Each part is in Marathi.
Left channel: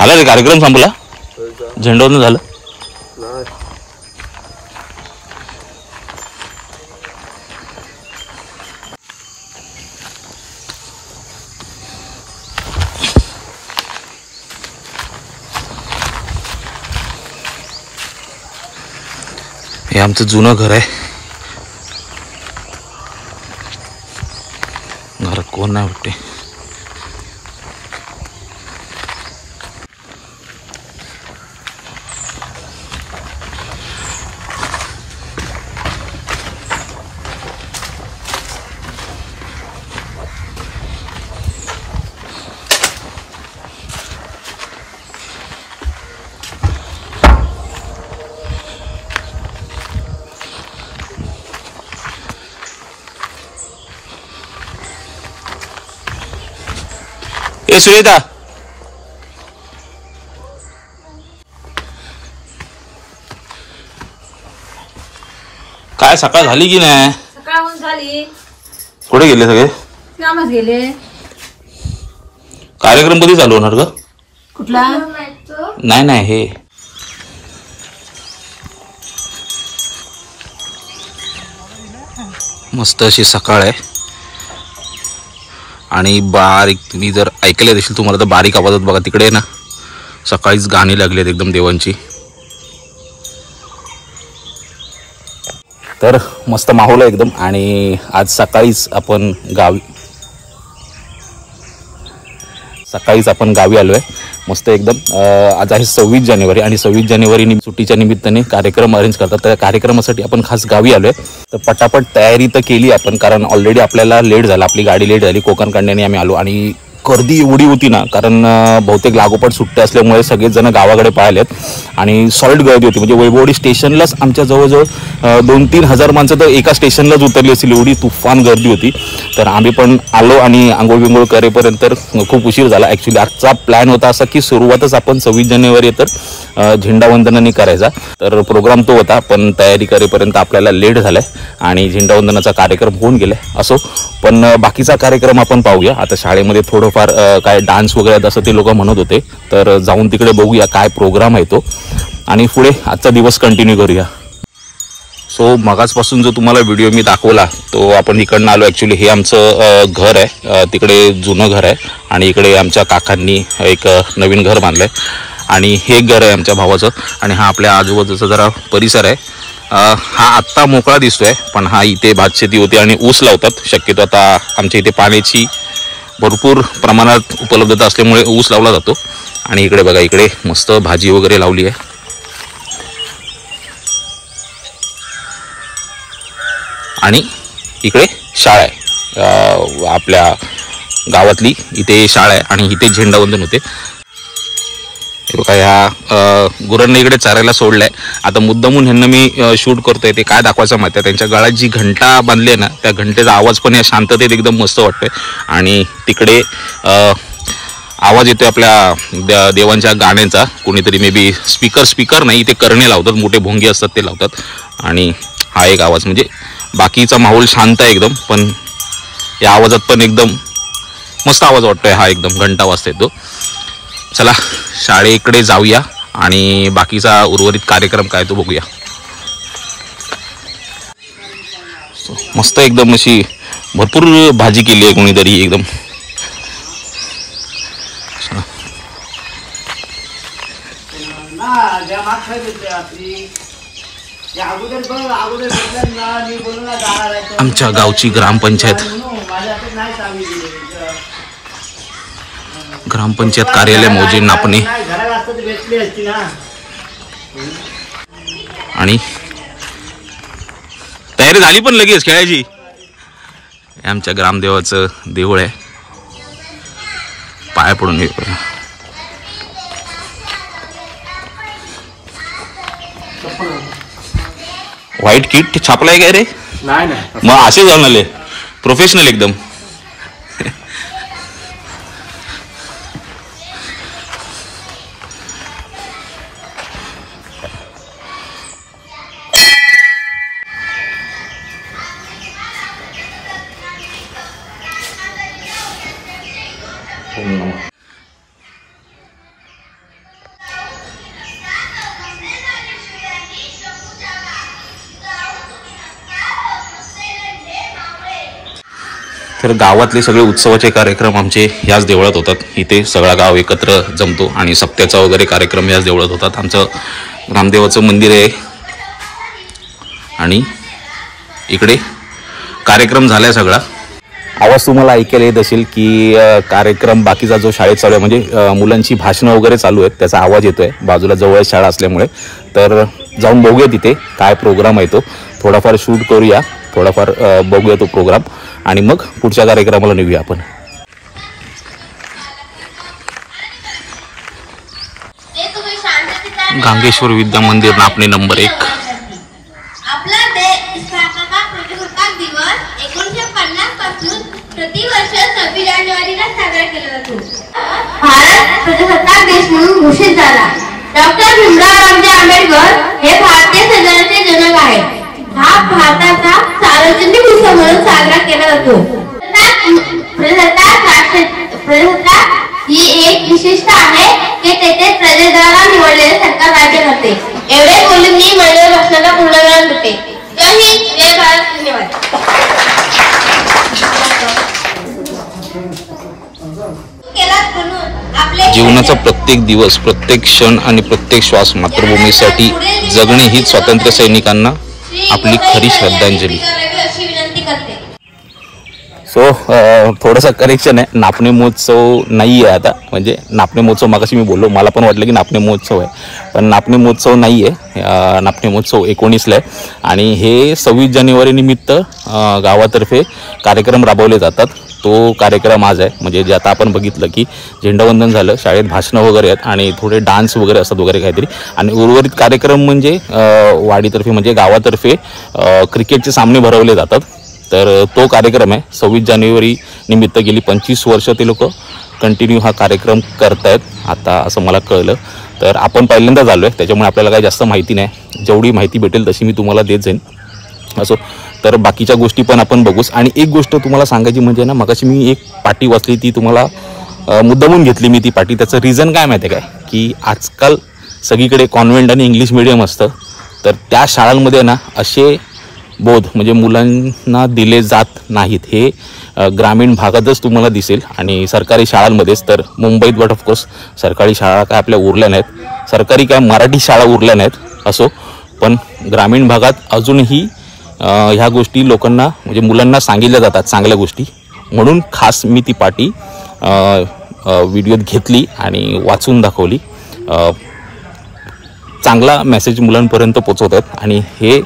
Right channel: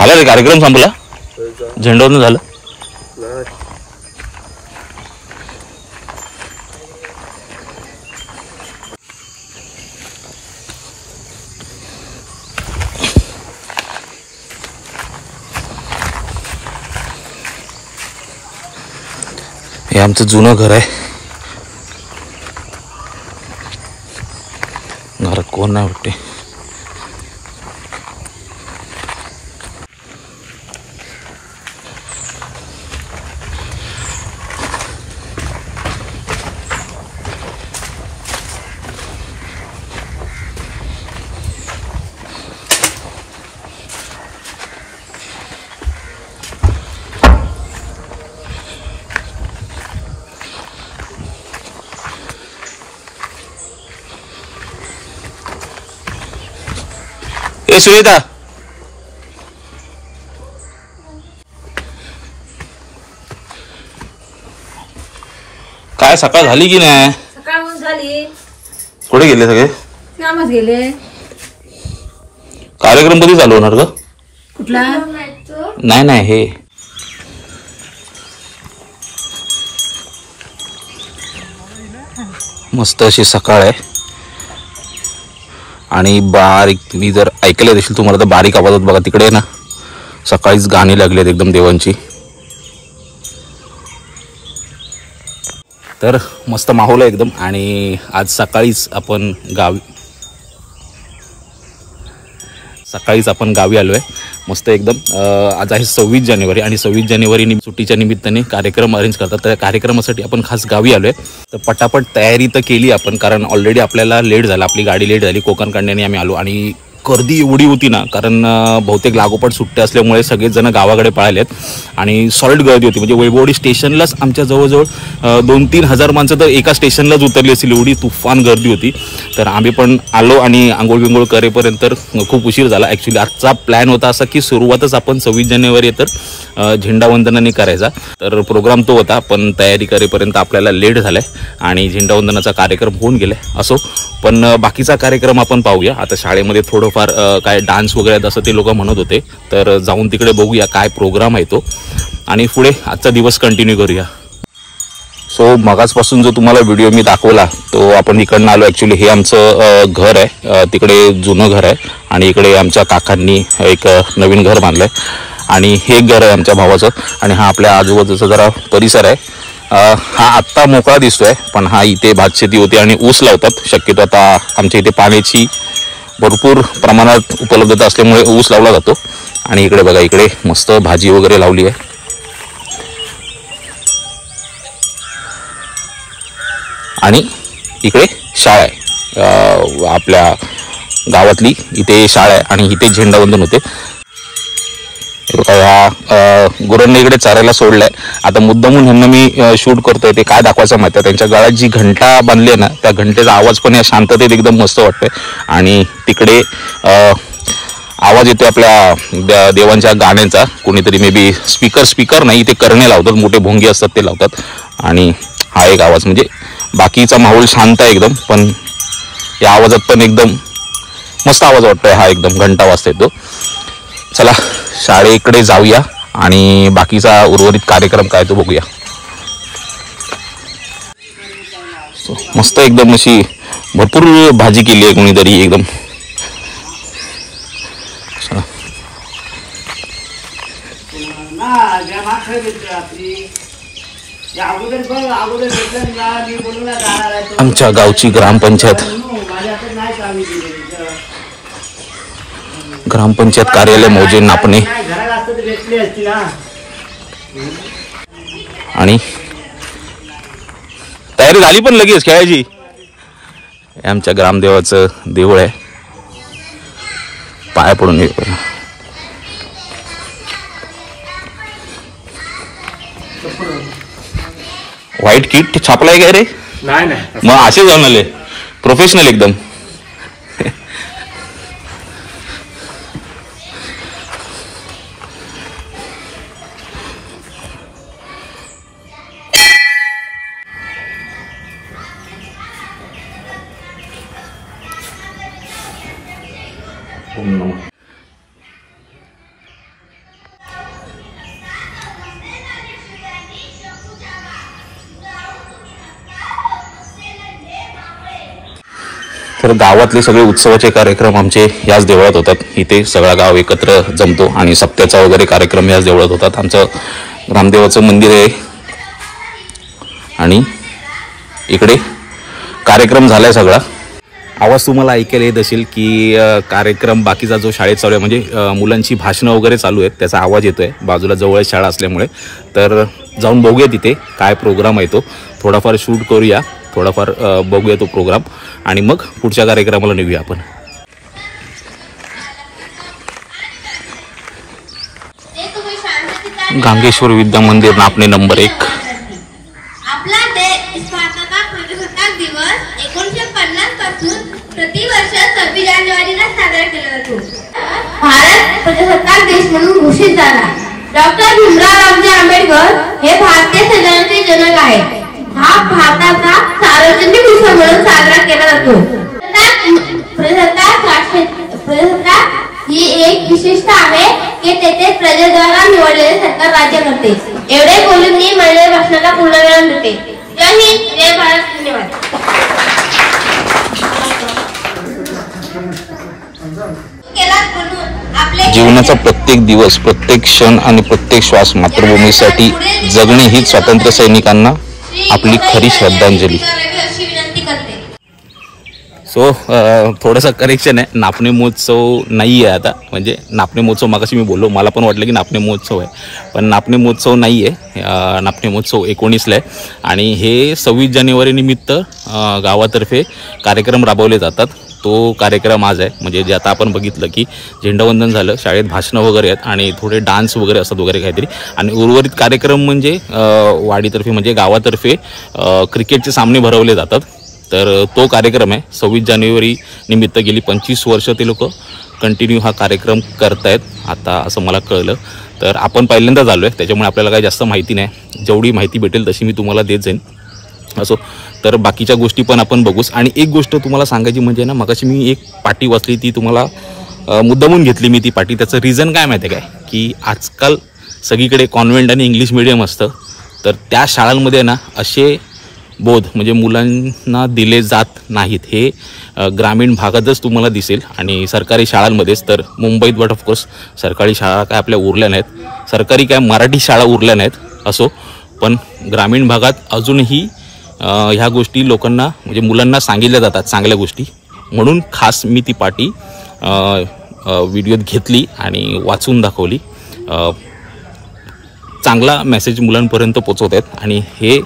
झाला रे कार्यक्रम संपला. झेंडवरून झालं. हे आमचं जुनं घर आहे. घरात कोण नाही वाटते. ए सुनीता, काय सकाळ झाली की नाही? सकाळ झाली. कुठे गेले सगळे? कामात गेले. कार्यक्रम कधी चालू होणार ग? कुठला? नाही नाही, हे मस्त अशी सकाळ आहे. आणि बारीक, तुम्ही जर ऐकले देखील तुम्हाला तर बारीक आवाजात बघा तिकडे ना सकाळीच गाणी लागलेत एकदम देवांची. तर मस्त माहोल आहे एकदम. आणि आज सकाळीच आपण गावी आलोय मस्त एकदम. आज आहे 26 जानेवारी आणि 26 जानेवारी सुट्टीच्या निमित्ताने कार्यक्रम अरेंज करतात. त्या कार्यक्रमासाठी आपण खास गावी आलोय. तर पटापट तयारी तर केली आपण, कारण ऑलरेडी आपल्याला लेट झाला, आपली गाडी लेट झाली. कोकण कांड्याने आम्ही आलो आणि गर्दी एवढी होती ना, कारण बहुतेक लागोपाठ सुट्ट्या असल्यामुळे सगळेच जण गावाकडे पळालेत आणि सॉलिड गर्दी होती. म्हणजे वैभववाडी स्टेशनलाच आमच्या जवळजवळ 2-3 हजार माणसं तर एका स्टेशनलाच उतरली असतील, एवढी तुफान गर्दी होती. तर आम्ही पण आलो आणि आंघोळ बिंघोळ करेपर्यंत खूप उशीर झाला. ॲक्च्युली आजचा प्लॅन होता असा की सुरुवातच आपण 26 जानेवारी तर झेंडावंदनाने करायचा. तर प्रोग्राम तो होता, पण तयारी करेपर्यंत आपल्याला लेट झालाय आणि झेंडावंदनाचा कार्यक्रम होऊन गेलाय. असो, पण बाकीचा कार्यक्रम आपण पाहूया. आता शाळेमध्ये थोडंफार काय डान्स वगैरे असं ते लोक म्हणत होते, तर जाऊन तिकडे बघूया काय प्रोग्राम आहे तो आणि पुढे आजचा दिवस कंटिन्यू करूया. सो मगाचपासून जो तुम्हाला व्हिडिओ मी दाखवला तो आपण इकडनं आलो. ॲक्च्युली हे आमचं घर आहे, तिकडे जुनं घर आहे आणि इकडे आमच्या काकांनी एक नवीन घर बांधलंय आणि हे घर आहे आमच्या भावाचं. आणि हा आपल्या आजूबाजूचा जरा परिसर आहे. हा आत्ता मोकळा दिसतोय, पण हा इथे भातशेती होती आणि ऊस लावतात. शक्यतो आता आमच्या इथे पाण्याची भरपूर प्रमाणात उपलब्धता असल्यामुळे ऊस लावला जातो. आणि इकडे बघा, इकडे मस्त भाजी वगैरे लावली आहे. आणि इकडे शाळा आहे आपल्या गावातली, इथे शाळा आहे आणि इथे झेंडावंदन होते. ह्या गुरांना इकडे चरायला सोडलंय. आता मुद्दामून ह्यांना मी शूट करतोय, ते काय दाखवायचं माहिती आहे, त्यांच्या गळ्यात जी घंटा बांधली आहे ना, त्या घंटेचा आवाज पण या शांततेत एकदम मस्त वाटतोय. आणि तिकडे आवाज येतोय आपल्या देवांच्या गाण्यांचा. कोणीतरी मे बी स्पीकर नाही, इथे करणे लावतात, मोठे भोंगे असतात ते लावतात. आणि हा एक आवाज, म्हणजे बाकीचा माहोल शांत आहे एकदम, पण या आवाजात पण एकदम मस्त आवाज वाटतोय. हा एकदम घंटा वाजतोय तो. चला शाळेकडे जाऊया आणि बाकीचा उर्वरित कार्यक्रम काय तो बघूया. मस्त एकदम अशी भरपूर भाजी केली आहे कोणीतरी एकदम. आमच्या गावची ग्रामपंचायत कार्यालय मौजे नापणे. आणि तयारी झाली पण लगेच खेळायची. आमच्या ग्रामदेवाचं देऊळ आहे, पाया पडून येऊ. व्हाईट किट छापलाय काय रे? नाही. मग असे जाऊन आले प्रोफेशनल एकदम. तर गावातले सगळे उत्सवाचे कार्यक्रम आमचे याच देवळात होतात. इथे सगळा गाव एकत्र जमतो आणि सप्त्याचा वगैरे कार्यक्रम याच देवळात होतात. आमचं रामदेवाचं मंदिर आहे आणि इकडे कार्यक्रम झालाय सगळा. आवाज तुम्हाला ऐकायला येत असेल की कार्यक्रम बाकीचा जो शाळेत चालू आहे म्हणजे मुलांची भाषणं वगैरे चालू आहेत त्याचा आवाज येतोय. बाजूला जवळ शाळा असल्यामुळे तर जाऊन बघूया तिथे काय प्रोग्राम आहे तो. थोडाफार शूट करूया, थोडाफार बघूया तो प्रोग्राम आणि मग पुढच्या कार्यक्रमाला नेऊया आपण. गांगेश्वर विद्या मंदिर नापणे नंबर 1. आपला देश स्थापना प्रजासत्ताक दिवस 1950 पासून प्रतिवर्ष 26 जानेवारीला साजरा केला जातो. भारत प्रजासत्ताक देश म्हणून घोषित झाला. डॉक्टर भीमराव रामजी आंबेडकर हे भारतीय संविधानाचे जनक आहेत. हा भारताचा सार्वजनिक उत्सव म्हणून साजरा केला जातो. प्रजासत्ताक ही एक विशेषता आहे की तेथे प्रजेद्वारा निवडलेले सरकार राज्य करते. एवढे बोलून मी माझ्या भाषणाला पूर्णविराम देते. जय हिंद, जय भारत, धन्यवाद. जीवनाचा प्रत्येक दिवस, प्रत्येक क्षण आणि प्रत्येक श्वास मातृभूमीसाठी जगणे हीच स्वातंत्र्य सैनिकांना आपली खरी श्रद्धांजली. सो थोडंसं करेक्शन आहे, नापणे महोत्सव नाही आहे आता. म्हणजे नापणे महोत्सव मागाशी मी बोललो, मला पण वाटलं की नापणे महोत्सव आहे, पण नापणे महोत्सव नाही आहे. नापणे महोत्सव 19ला आहे आणि हे 26 जानेवारी निमित्त गावातर्फे कार्यक्रम राबवले जातात. तो कार्यक्रम आज आहे. म्हणजे जे आता आपण बघितलं की झेंडावंदन झालं, शाळेत भाषणं वगैरे आहेत आणि थोडे डान्स वगैरे असतात वगैरे काहीतरी. आणि उर्वरित कार्यक्रम म्हणजे वाडीतर्फे म्हणजे गावातर्फे क्रिकेटचे सामने भरवले जातात. तर तो कार्यक्रम आहे 26 जानेवारी निमित्त. गेली 25 वर्ष ते लोक कंटिन्यू हा कार्यक्रम करतायत आता असं मला कळलं. तर आपण पहिल्यांदाच आलो आहे त्याच्यामुळे आपल्याला काही जास्त माहिती नाही. जेवढी माहिती भेटेल तशी मी तुम्हाला देत जाईन. असो, तर बाकीच्या गोष्टी पण आपण बघूच. आणि एक गोष्ट तुम्हाला सांगायची म्हणजे ना, मगाशी मी एक पाटी वाचली, ती तुम्हाला मुद्दामून घेतली मी ती पाटी. त्याचं रिझन काय माहिती आहे काय, की आजकाल सगळीकडे कॉन्व्हेंट आणि इंग्लिश मिडियम असतं. तर त्या शाळांमध्ये ना असे बोध म्हणजे मुलांना दिले जात नाहीत. हे ग्रामीण भागातच तुम्हाला दिसेल आणि सरकारी शाळांमध्येच. तर मुंबईत बट ऑफकोर्स सरकारी शाळा काय आपल्या उरल्या नाहीत, सरकारी काय मराठी शाळा उरल्या नाहीत. असो, पण ग्रामीण भागात अजूनही ह्या गोष्टी लोकांना म्हणजे मुलांना सांगितल्या जातात, चांगल्या गोष्टी. म्हणून खास मी ती पाटी व्हिडिओत घेतली आणि वाचून दाखवली. चांगला मेसेज मुलांपर्यंत पोचवत आहेत आणि हे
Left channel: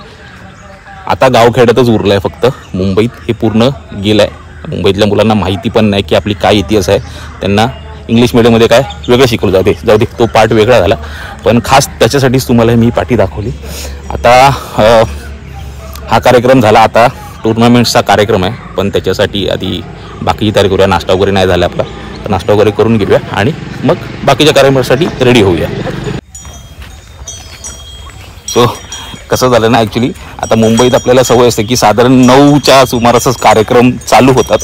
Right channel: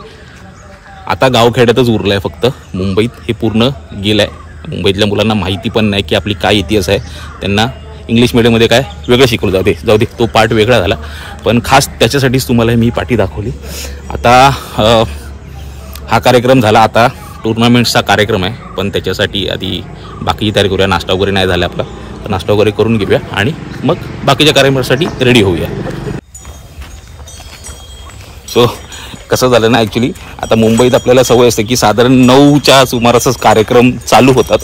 आता गावखेड्यातच उरलं आहे. फक्त मुंबईत हे पूर्ण गेलं आहे. मुंबईतल्या मुलांना माहिती पण नाही की आपली काय इतिहास आहे. त्यांना इंग्लिश मिडियममध्ये काय वेगळं शिकवलं. जाऊ दे तो पार्ट वेगळा झाला, पण खास त्याच्यासाठीच तुम्हाला मी पाटी दाखवली. आता हा कार्यक्रम झाला, आता टुर्नामेंट्सचा कार्यक्रम आहे, पण त्याच्यासाठी आधी बाकीची तयारी करूया. नाश्ता वगैरे नाही झाला आपला, तर नाश्ता वगैरे करून घेऊया आणि मग बाकीच्या कार्यक्रमासाठी रेडी होऊया. सो कसं झालं ना, ॲक्च्युली आता मुंबईत आपल्याला सवय असते की साधारण 9च्या सुमारासच कार्यक्रम चालू होतात.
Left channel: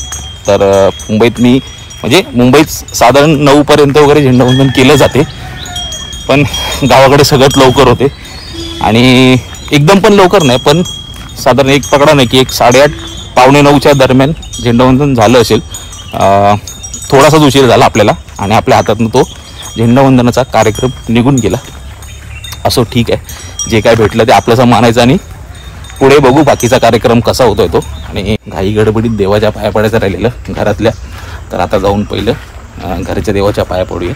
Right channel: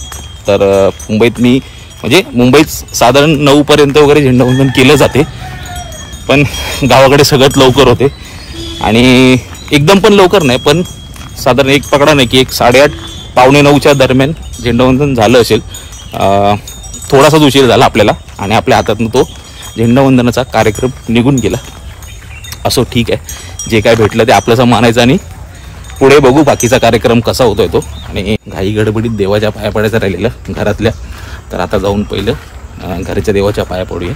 तर मुंबईत साधारण 9पर्यंत वगैरे झेंडावंदन केलं जाते, पण गावाकडे सगळ्यात लवकर होते. आणि एकदम पण लवकर नाही, पण साधारण एक पकडा नाही की एक 8:30 पावणे 9च्या दरम्यान झेंडावंदन झालं असेल. थोडासाच उशीर झाला आपल्याला आणि आपल्या हातातून तो झेंडावंदनाचा कार्यक्रम निघून गेला. असो, ठीक आहे, जे काय भेटलं ते आपलंसं मानायचं आणि पुढे बघू बाकीचा कार्यक्रम कसा होतोय तो. आणि घाई गडबडीत देवाच्या पाया पडायचं राहिलेलं घरातल्या, तर आता जाऊन पहिलं घरच्या देवाच्या पाया पडूया.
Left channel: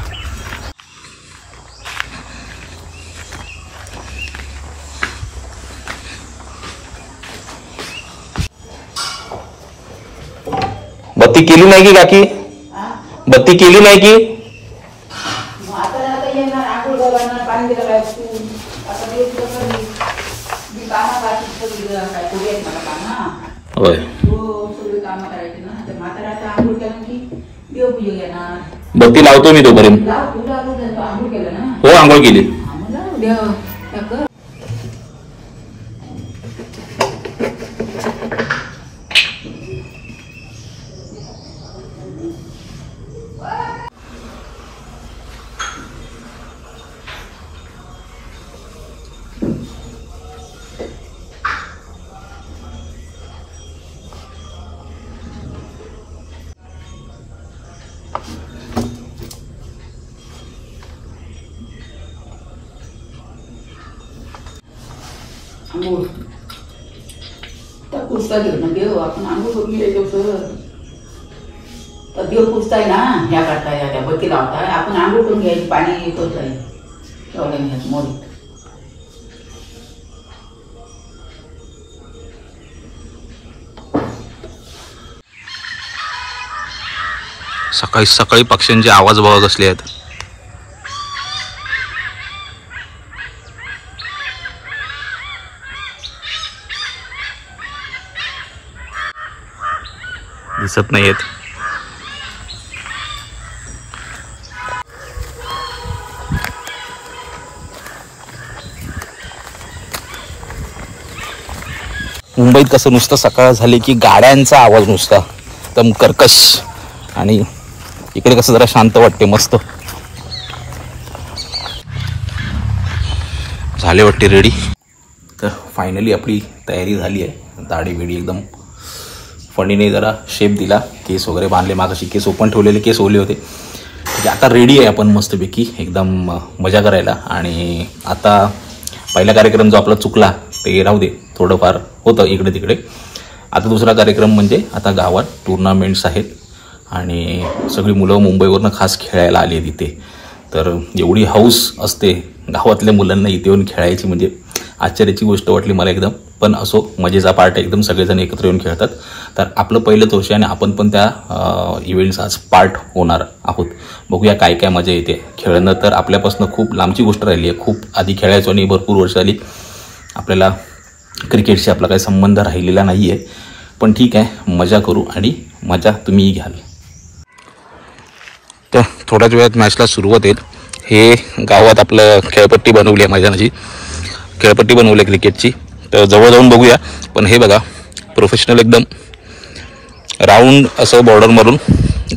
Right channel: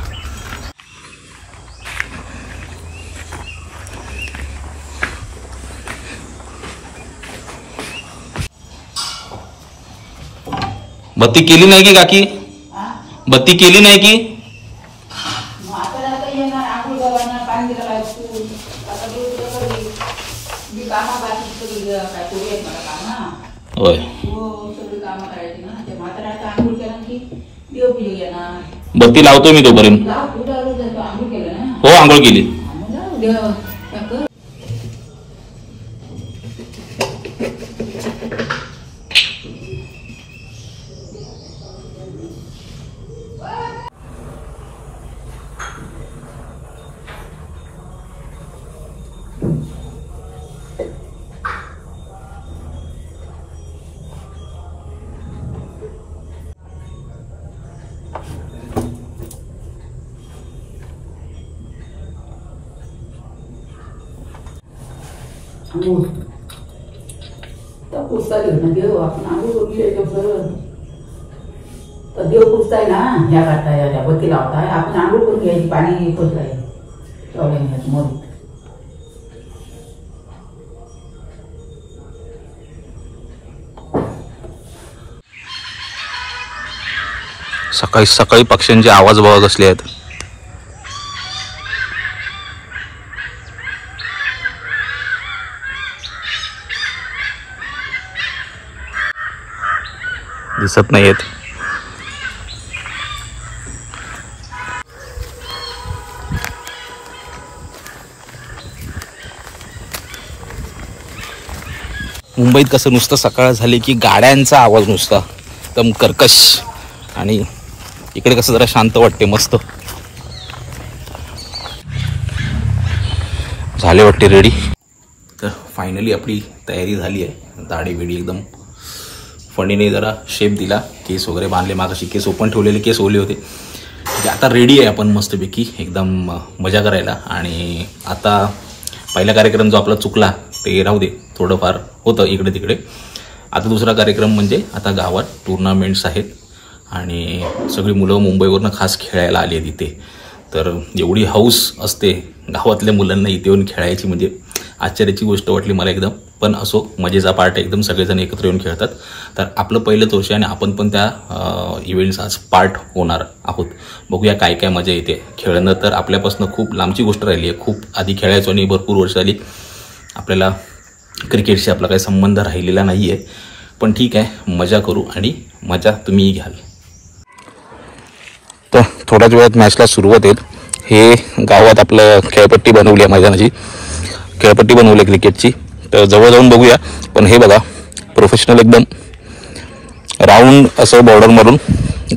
बत्ती केली नाही की काकी? बत्ती केली नाही की? होय, बत्ती लावतो मी तोपर्यंत. हो, आंघोळ केली. पुस्तक घेऊन देव आपण आंघोळ करून गेलो तर देव पुसताय ना ह्या करताय त्या बत्ती लावताय आपण आंघोळ करून घ्यायची पाणी खोदताय प्रॉब्लेम घ्यायचं मोडी सकाळी सकाळी पक्ष्यांचे आवाज बघत असले आहेत. दिसत नाहीयेत. मुंबईत कसं नुसतं सकाळ झाली की गाड्यांचा आवाज नुसता एकदम कर्कश आणि इकडे कसं जरा शांत वाटते. मस्त झाले वाटते रेडी. तर फायनली आपली तयारी झाली आहे. दाढी बिडी एकदम फणीने जरा शेप दिला, केस वगैरे बांधले, मागाशी केस ओपन ठेवलेले केस ओले होते. म्हणजे आता रेडी आहे आपण मस्तपैकी एकदम मजा करायला. आणि आता पहिला कार्यक्रम जो आपला चुकला ते राहू दे, थोडंफार होतं इकडे तिकडे. आता दुसरा कार्यक्रम म्हणजे आता गावात टुर्नामेंट्स आहेत आणि सगळी मुलं मुंबईवरनं खास खेळायला आली आहेत इथे. तर एवढी हौस असते गावातल्या मुलांना इथे येऊन खेळायची, म्हणजे आश्चर्याची गोष्ट वाटली मला एकदम. पण असो, मजेचा पार्ट आहे एकदम, सगळेजण एकत्र येऊन खेळतात. तर आपलं पहिलंच वर्ष आणि आपण पण त्या इव्हेंट्स आज पार्ट होणार आहोत. बघूया काय काय मजा येते. खेळणं तर आपल्यापासून खूप लांबची गोष्ट राहिली आहे. खूप आधी खेळायचो आणि भरपूर वर्ष आली आपल्याला क्रिकेटशी आपला काही संबंध राहिलेला नाही आहे. पण ठीक आहे, मजा करू आणि मजा तुम्हीही घ्याल. तर थोड्याच वेळात मॅचला सुरुवात होईल. हे गावात आपलं खेळपट्टी बनवली आहे, मैदानाची खेळपट्टी बनवली आहे क्रिकेटची. तर जवळ जाऊन बघूया. पण हे बघा, प्रोफेशनल एकदम राऊंड असं बॉर्डर मारून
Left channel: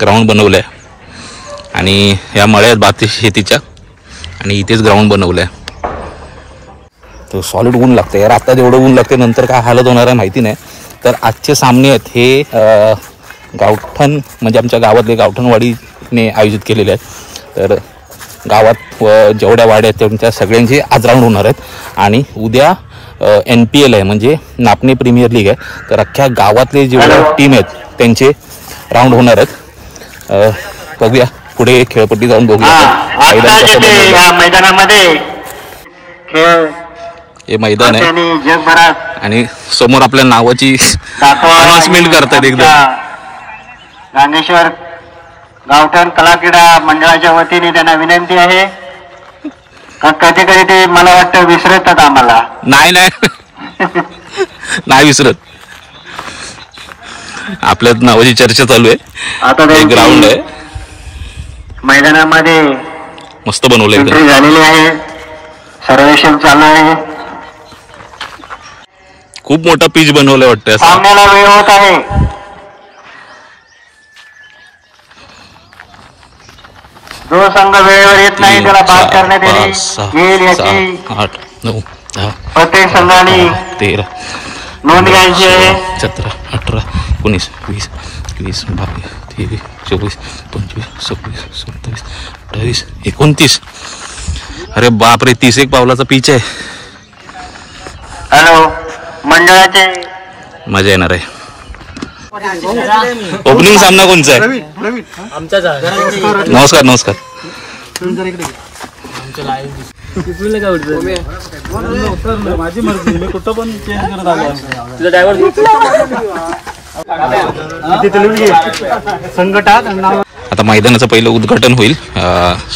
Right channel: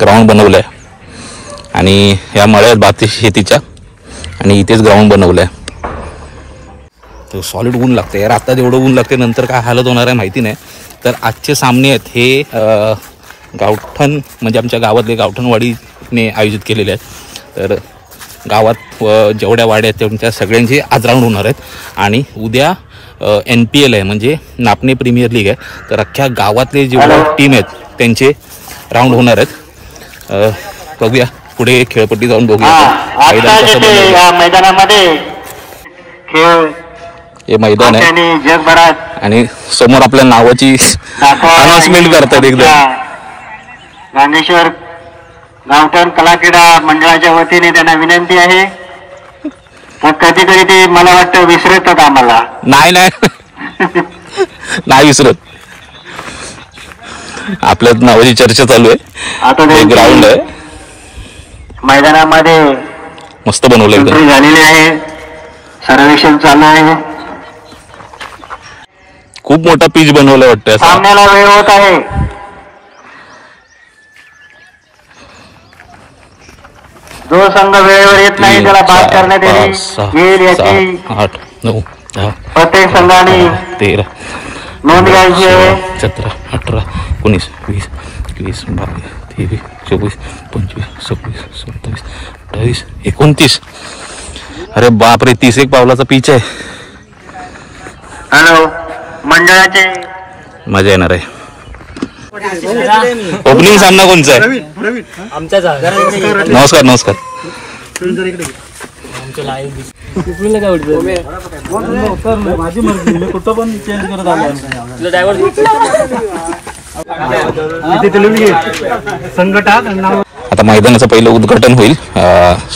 ग्राउंड बनवलं आहे. आणि ह्या मळ्यात भात शेतीच्या आणि इथेच ग्राउंड बनवलं आहे. तर सॉलिड ऊन लागतं यार. आता जेवढं ऊन लागते नंतर काय हालत होणार आहे माहिती नाही. तर आजचे सामने आहेत हे गावठण म्हणजे आमच्या गावातले गावठणवाडीने आयोजित केलेले आहेत. तर गावात जेवढ्या वाड्या आहेत त्यांच्या सगळ्यांचे आज राऊंड होणार आहेत. आणि उद्या NPL आहे म्हणजे नापणे प्रीमियर लीग आहे. तर अख्ख्या गावातले जेवढ्या टीम आहेत त्यांचे राऊंड होणार आहेत. बघूया पुढे खेळपट्टी जाऊन बघूया मैदान कसं बनवलं. मैदानामध्ये खेळ हे मैदान आहे जगभरात आणि समोर आपल्या नावाची अनाउन्समेंट करतात एकदम. गांगेश्वर गावठण कला क्रीडा मंडळाच्या वतीने त्यांना विनंती आहे. कधी कधी ते मला वाटतं विसरतात आम्हाला. नाही नाही विसरत. आपल्या नावाची चर्चा चालू आहे. आता ग्राउंड आहे, मैदानामध्ये मस्त बनवलं एकदम. झालेले आहे, सर्वेक्षण चालू आहे. खूप मोठा पिच बनवलं वाटतं. सामन्याला वेळ होत आहे. जो संघ वेळेवर येत नाही त्याला बाद करण्यात येईल. 8 9 10 प्रत्येक संघाने 13 नोंद घ्यायची आहे. 17 18 19 20 21 22 23 24 25 26 27 28 29. अरे बापरे, 30 एक पावलाचा पिच आहे. हॅलो मंडळाचे मजा येणार आहे. ओपनिंग सामना कोणचा आहे? नमस्कार नमस्कार. आता मैदानाचं पहिलं उद्घाटन होईल.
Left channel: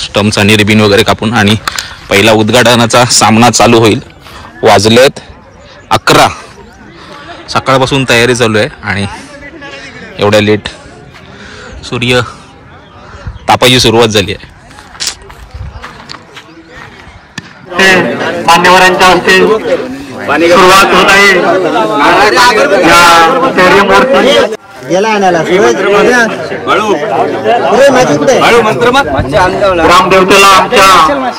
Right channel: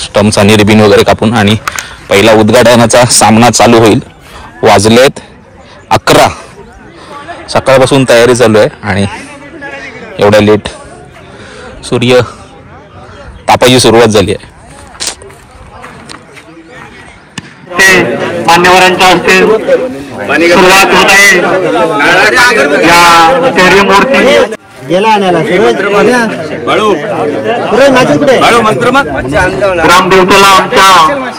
स्टम्प्स आणि रिबिन वगैरे कापून आणि पहिला उद्घाटनाचा सामना चालू होईल. वाजलेत 11. सकाळपासून तयारी चालू आहे आणि एवढ्या लेट सूर्य तापायची सुरुवात झाली आहे. मान्यवरांच्या हस्ते सुरुवात होत आहे. या स्टेडियम वरती गेला आणायला ग्रामदेवतेला आमच्या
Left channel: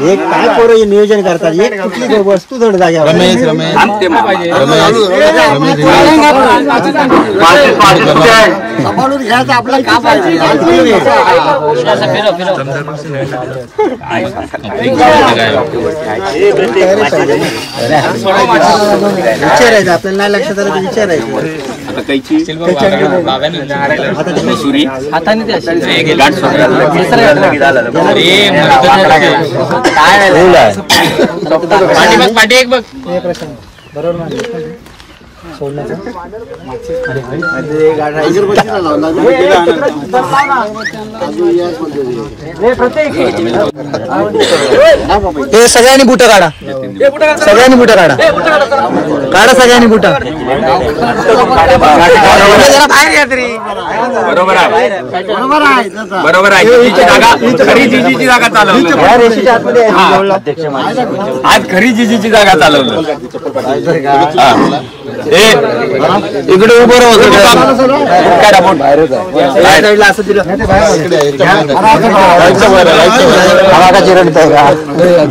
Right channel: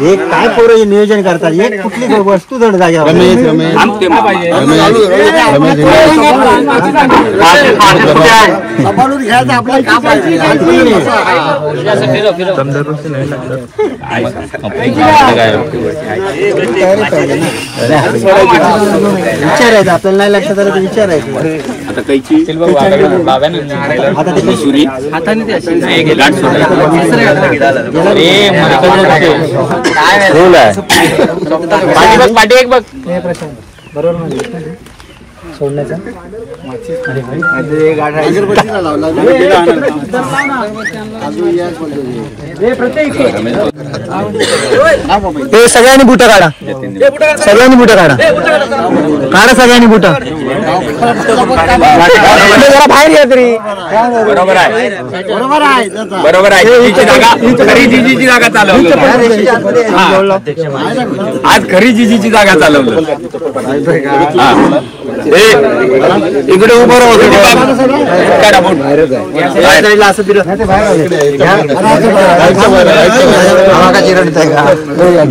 हे काय पोरं नियोजन करतात एक कुठली वस्तू जड जाग्यावर सांभाळून घ्यायचं आपलं काम विचारायचं आपल्याला नाही लक्षात आलं तर विचारायचं आता कैची आता ते सुरी हाताने बरोबर सोडण्याचा सगळ्यांनी बुट काढा सगळ्यांनी बुट काढा काढा सगळ्यांनी बुट जरा बाहेर या तरी बरोबर आहे बरोबर आहे खरी जिजीची जागा चालवली आज खरी जिजीची जागा चालवली इकडे उभं राहतो बाहेरच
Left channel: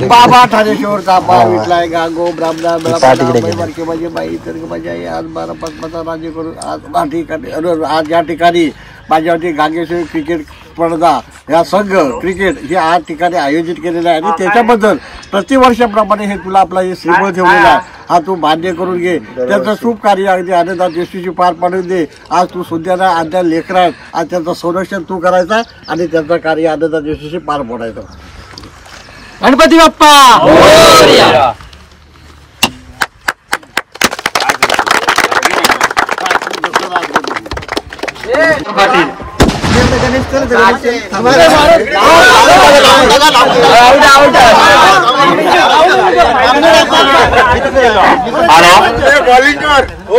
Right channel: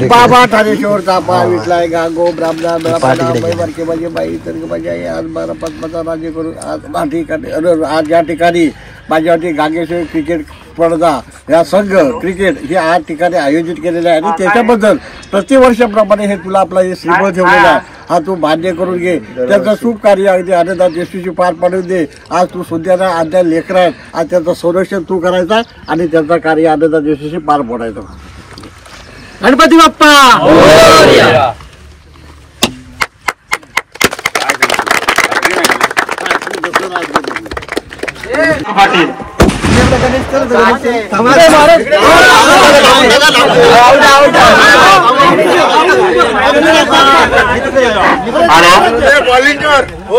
बाबा ठाणेश्वरचा पाय विटलाय गांगो ब्राह्मणा मेळापा माझी बाई तर माझी आई आज 12 पद्माचा राज्य करून आज या ठिकाणी माझ्यावरती गांगेश्वर क्रिकेट स्पर्धा या संघ क्रिकेट हे 8 ठिकाणी आयोजित केलेले आहे आणि त्याच्याबद्दल प्रतिवर्षाप्रमाणे हे तुला आपला हे श्रीफळ ठेवलेला आहे हा तू मान्य करून घे त्याचं शुभ कार्य अगदी आनंदात देशूची पार पाडून दे आज तू सुद्धा आद्या लेकरं आहेत आज त्याचं संरक्षण तू करायचा आणि त्याचं कार्य आनंदात देशूची पार पाडायचं गणपती बाप्पा पाटील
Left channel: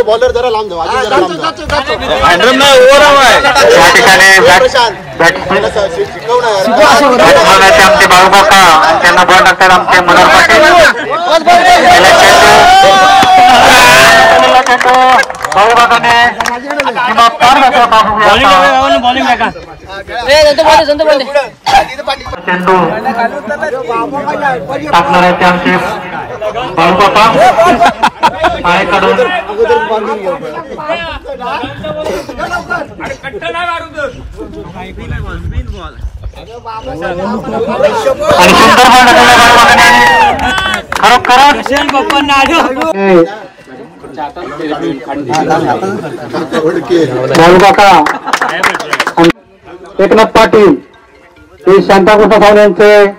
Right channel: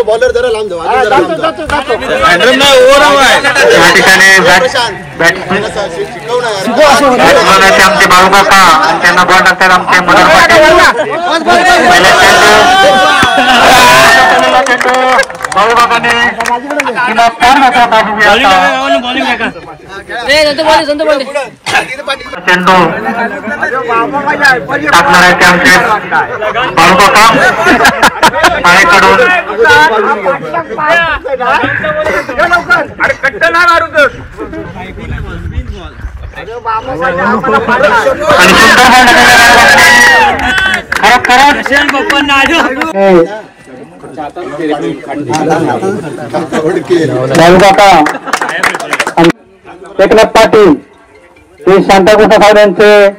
बॉलर जरा लांब जाऊ आधी जरा लांब आमचे बाळूकाका त्यांना बॉल टाकतात आमचे मनोहर पाटील बाळूकाकाने किंवा फार नसा चेंडू टाकणार आहे ते आमचे बाळूकाका शाळेकडून आणि बाळूकाका एकनाथ पाटील हे शांताकृष्ण साहेबांचे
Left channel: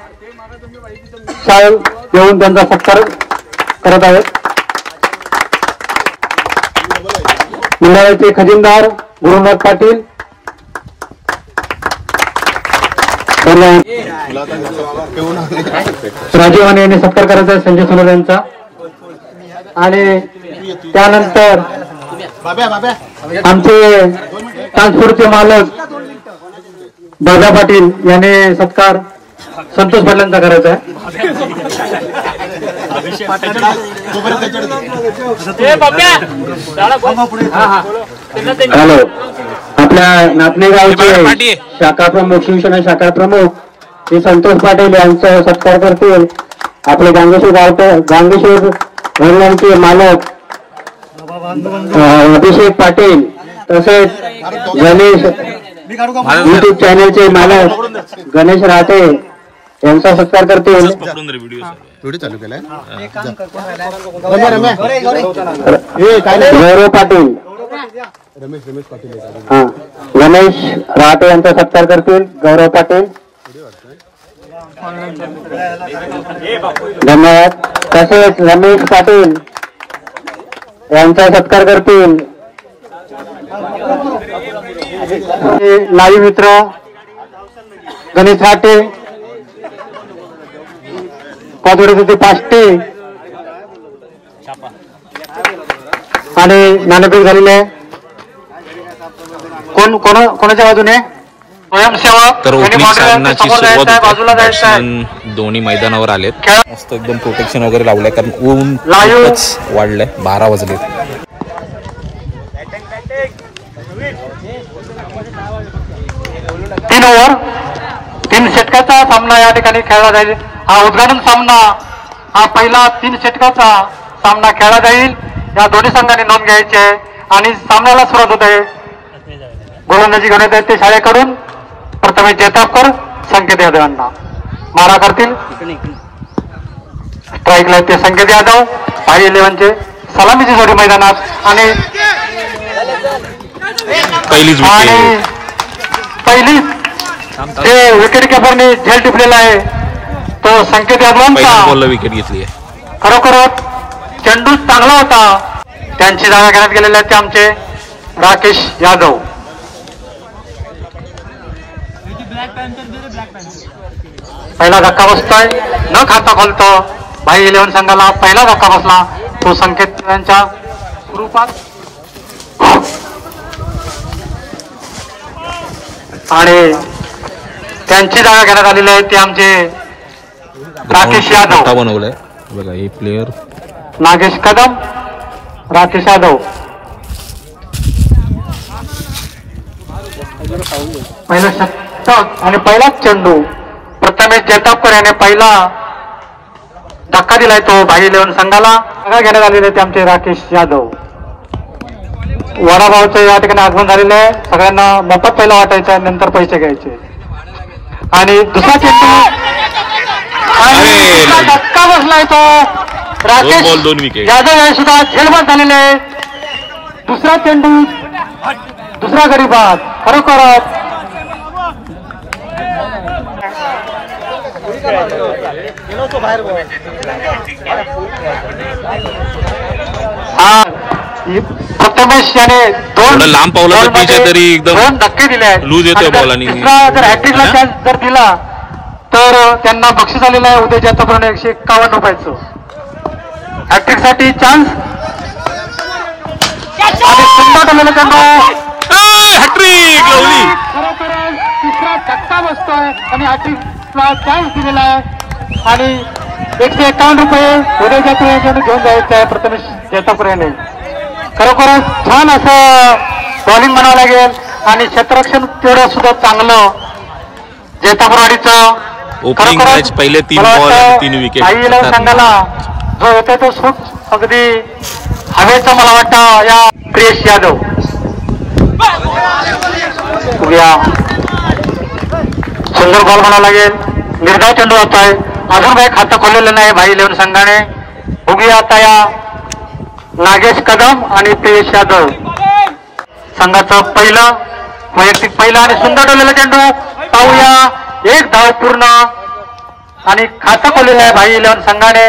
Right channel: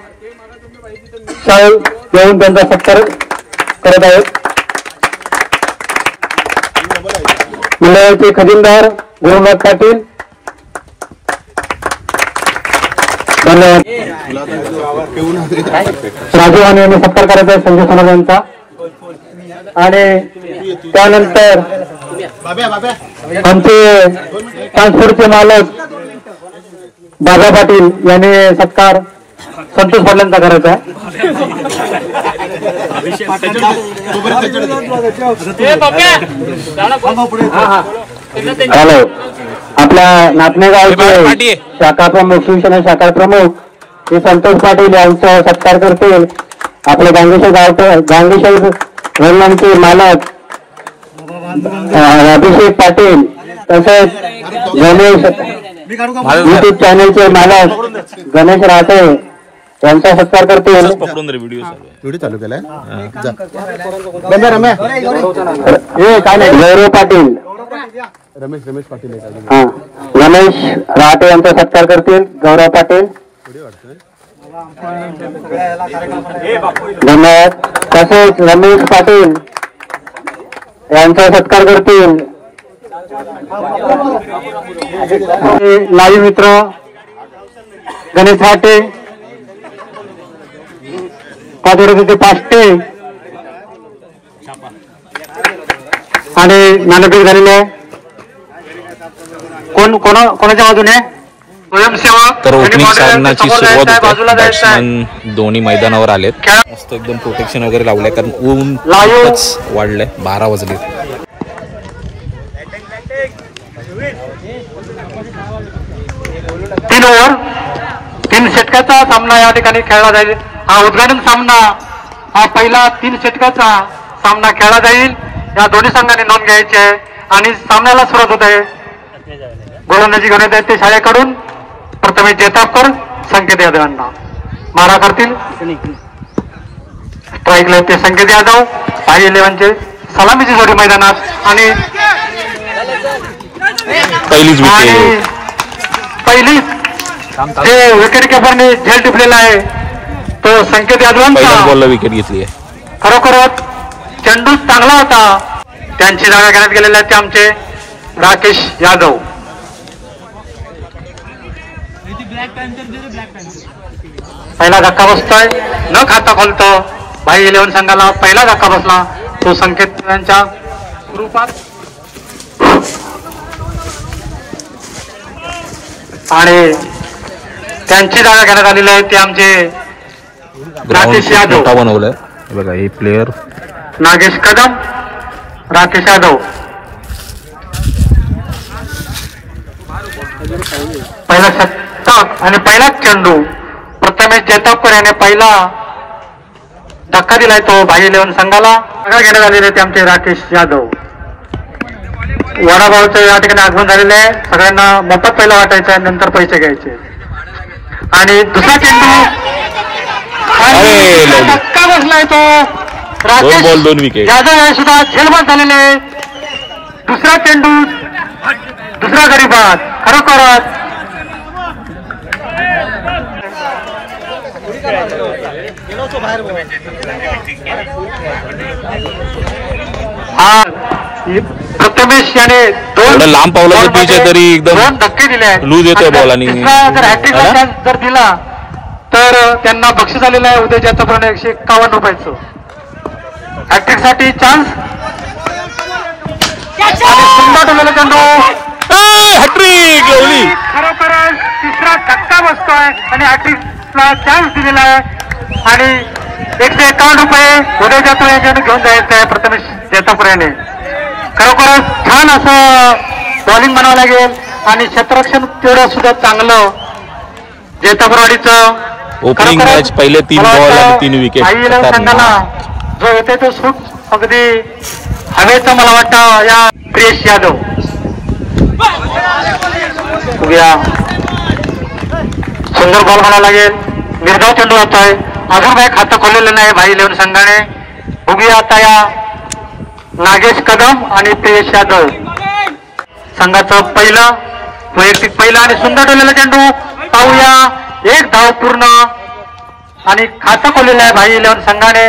शाल घेऊन त्यांचा सत्कार करत आहेत मंडळाचे खजिनदार गुरुनाथ पाटील धन्यवाद राजीव यांनी सत्कार करायचा आहे संजय सोनवणे यांचा आणि त्यानंतर आमचे ट्रान्सपोर्टचे मालक दादा पाटील यांनी सत्कार संतोष पाटलांचा करायचा आहे हॅलो आपल्या नातनेगावचे शाखा प्रमुख शिवसेना शाखा प्रमुख हे संतोष पाटील यांचा सत्कार करतील आपले गांगेश्वर वडिलांचे मालक अभिषेक पाटील तसेच गणेश युट्यूब चॅनलचे मालक गणेश राहते यांचा सत्कार करतील गौरव पाटील गणेश राहते यांचा सत्कार करतील गौरव पाटील धन्यवाद तसेच रमेश पाटील यांचा सत्कार करतील लाईव्ह मित्र गणेश राहते पादोरे पाष्टे आणि मानसिक झालेले कोणाच्या बाजूने तर ओपनिंग सामन्याची सुरुवात होते बॅट्समन दोन्ही मैदानावर आलेत मस्त एकदम प्रोटेक्शन वगैरे लावलंय कारण ऊन खूपच वाढलंय 12 वाजले 3 ओव्हर 3 षटकाचा सामना या ठिकाणी खेळला जाईल. हा उद्घाटन सामना हा पहिला 3 षटकाचा सामना खेळला जाईल. या दोन्ही संघांनी नोंद घ्यायची आहे आणि सामन्याला सुरुवात होते. गोलंदाजी घेण्यात येते शाळेकडून. प्रथमे जैतापकर संकेत यादव यांना मारा करतील. स्ट्राईकला ते संकेत यादव. साई 11चे सलामीची जोडी मैदानात आणि पहिलीच विकेट. पहिलीच जे विकेट किपरने झेल टिपलेला आहे तो संकेत यादव. पहिल्याच बॉलला विकेट घेतली आहे. खरोखरच चेंडू चांगला होता. त्यांची जागा घेण्यात गेलेले आहेत ते आमचे राकेश यादव. पहिला धक्का बसतोय न खाता खोलतो. भाई 11 संघाला पहिला धक्का बसला तो संकेत यांच्या रूपात. आणि त्यांची जागा घेण्यात आलेली आहे ते आमचे राकेश यादव. बनवलंय बघा हे प्लेयर नागेश कदम, राकेश यादव. पहिला षटक आणि पहिलाच चेंडू. प्रथमेश जैतापकर याने पहिला धक्का दिलाय तो भाई 11 संघाला. जागा घेण्यात आलेले ते आमचे राकेश यादव. वडाभाऊचं या ठिकाणी आगमन झालेलं आहे. सगळ्यांना मोफत पहिला वाटायचं आहे नंतर पैसे घ्यायचे. आणि दुसरा चेंडू धक्का बसलाय तो. 2 बॉल 2 विकेट. यादव हे सुद्धा झेलबाद झालेले आहे. दुसरा चेंडू दुसरा गडी बाद. खरोखरच प्रथमेश याने थोडं लांब पावलं तर पिच आहे तरी एकदम 2 धक्के दिले आहेत. लूज येतोय बॉल आणि जर हॅट्रिकला चान्स जर दिला तर त्यांना बक्षीस आलेलं आहे उद्या जैतापकरने 151 रुपयाचं. हॅट्रिक साठी चान्स. सुंदर टोलेला चेंडू. हॅट्रिक लावली. खरोखरच तिसरा धक्का बसतोय आणि हॅट्रिकला चान्स दिलेला आहे. आणि 151 रुपये उद्या जातो याच्याने घेऊन जायचं आहे प्रथमेश जैतापकर याने. खरोखरच छान असं बॉलिंग म्हणावं लागेल आणि क्षेत्ररक्षण तेवढं सुद्धा चांगलं जैतापकरवाडीचं. ओपनिंग मॅच पहिले 3 बॉल आणि 3 विकेट. संघाला जो येतो तो शूट अगदी हवेचं मला वाटतं या प्रियेश यादव. सुंदर बॉल म्हणावं लागेल. निर्धाव चेंडू होत आहे. अजून काही खातं खोललेलं नाही भाई 11 संघाने. बघूया आता या नागेश कदम आणि प्रियेश यादव संघाचं पहिलं वैयक्तिक पहिला आणि सुंदर ठेवलेला चेंडू. पाहूया 1 धाव पूर्ण आणि खातं खोललेलं आहे भाई 11 संघाने.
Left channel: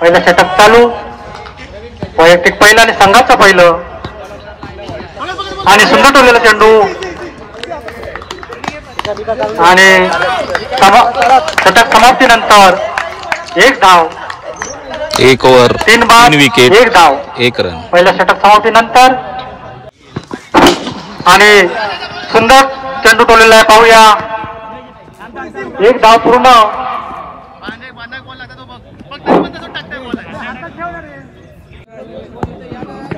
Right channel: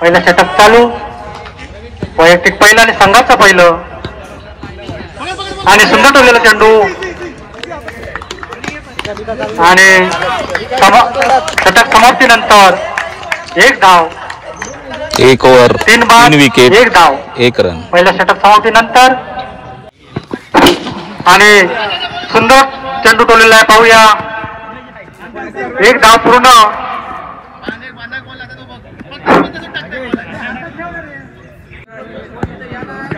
पहिलं षटक चालू. वैयक्तिक पहिलं आणि संघाचं पहिलं आणि सुंदर ठेवलेला चेंडू आणि षटक समाप्तीनंतर 1 धाव. 1 ओव्हर 3 विकेट 1 धाव 1 रन. पहिल्या षटक समाप्तीनंतर आणि सुंदर चेंडू टोलेला आहे. पाहूया 1 धाव पूर्ण.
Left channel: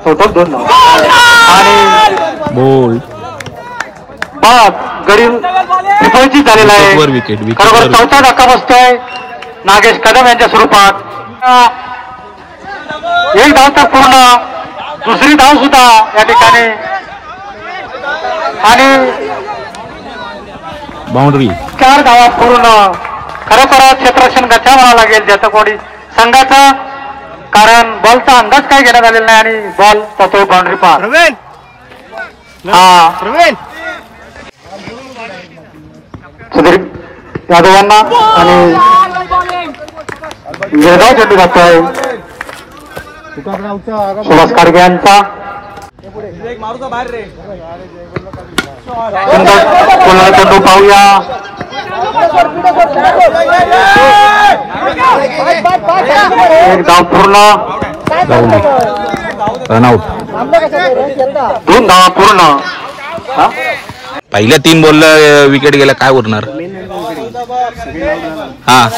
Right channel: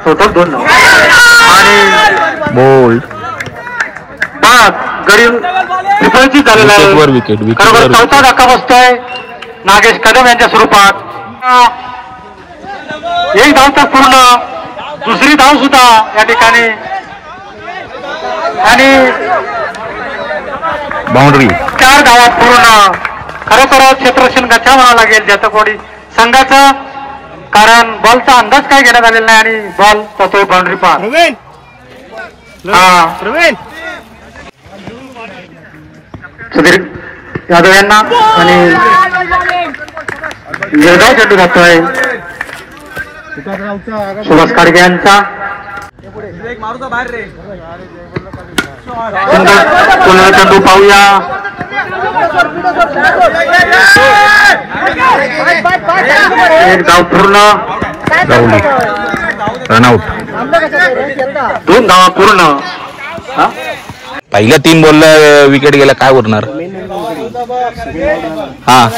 टोटल 2 धाव आणि बोल्ड गडी विफलची झालेला आहे. विकेट चौथा धक्का बसतोय नागेश कदम यांच्या स्वरूपात. 1 धाव तर पूर्ण. दुसरी धाव सुद्धा या ठिकाणी आणि बाउंड्री 4 धावा पूर्ण. खरोखरच क्षेत्ररक्षण गच्चा म्हणावं लागेल जैतापकरवाडी संघाचा. कारण बॉलचा अंदाज काय घेण्यात आलेला नाही आणि बॉल तो बाउंड्री पार. सुधीर यादव यांना आणि निर्धाव चेंडू जातोय सुभाष खाडगे यांचा. सुंदर चेंडू पाहूया. एक धाव पूर्ण. रनआउट. 2 धावा पूर्ण. पहिल्या 3 बॉलला विकेट गेला काय उरणार. हा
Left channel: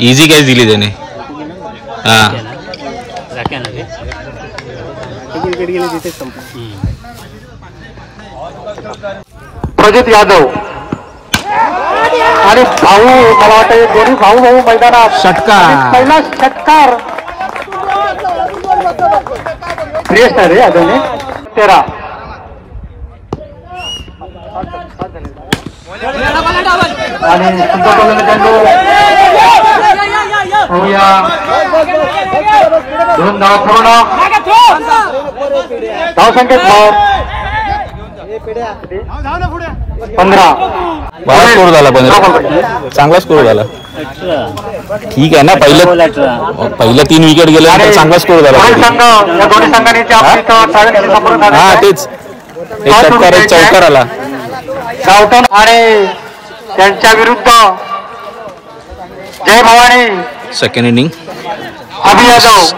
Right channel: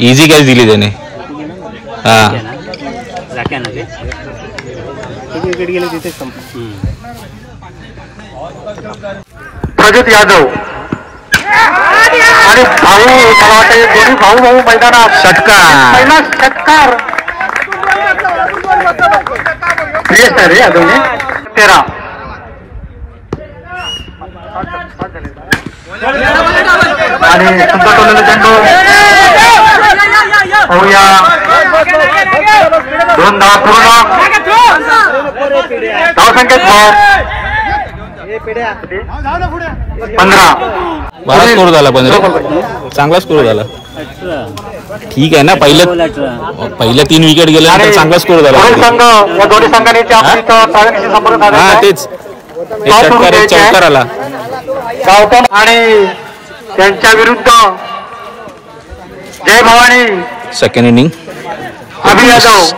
इझी कॅच दिली त्याने. हा प्रजित यादव आणि भाऊ मला वाटतं दोन्ही भाऊ मैदानात षटकार. पहिला षटकार श्रेयस आहे रे यादवने 13 आणि सुंदर टोललेला चेंडू होऊया 2 धावा पूर्ण धावसंख्येत 15 बरा स्कोर झाला पण चांगला स्कोर झाला. ठीक आहे ना. पहिल्या 3 विकेट गेल्यानंतर चांगला स्कोर झाला. या दोन्ही संघाने हा तेच एक षटकार एक चौकार आला. आणि त्यांच्या विरुद्ध Jai Bhavani second inning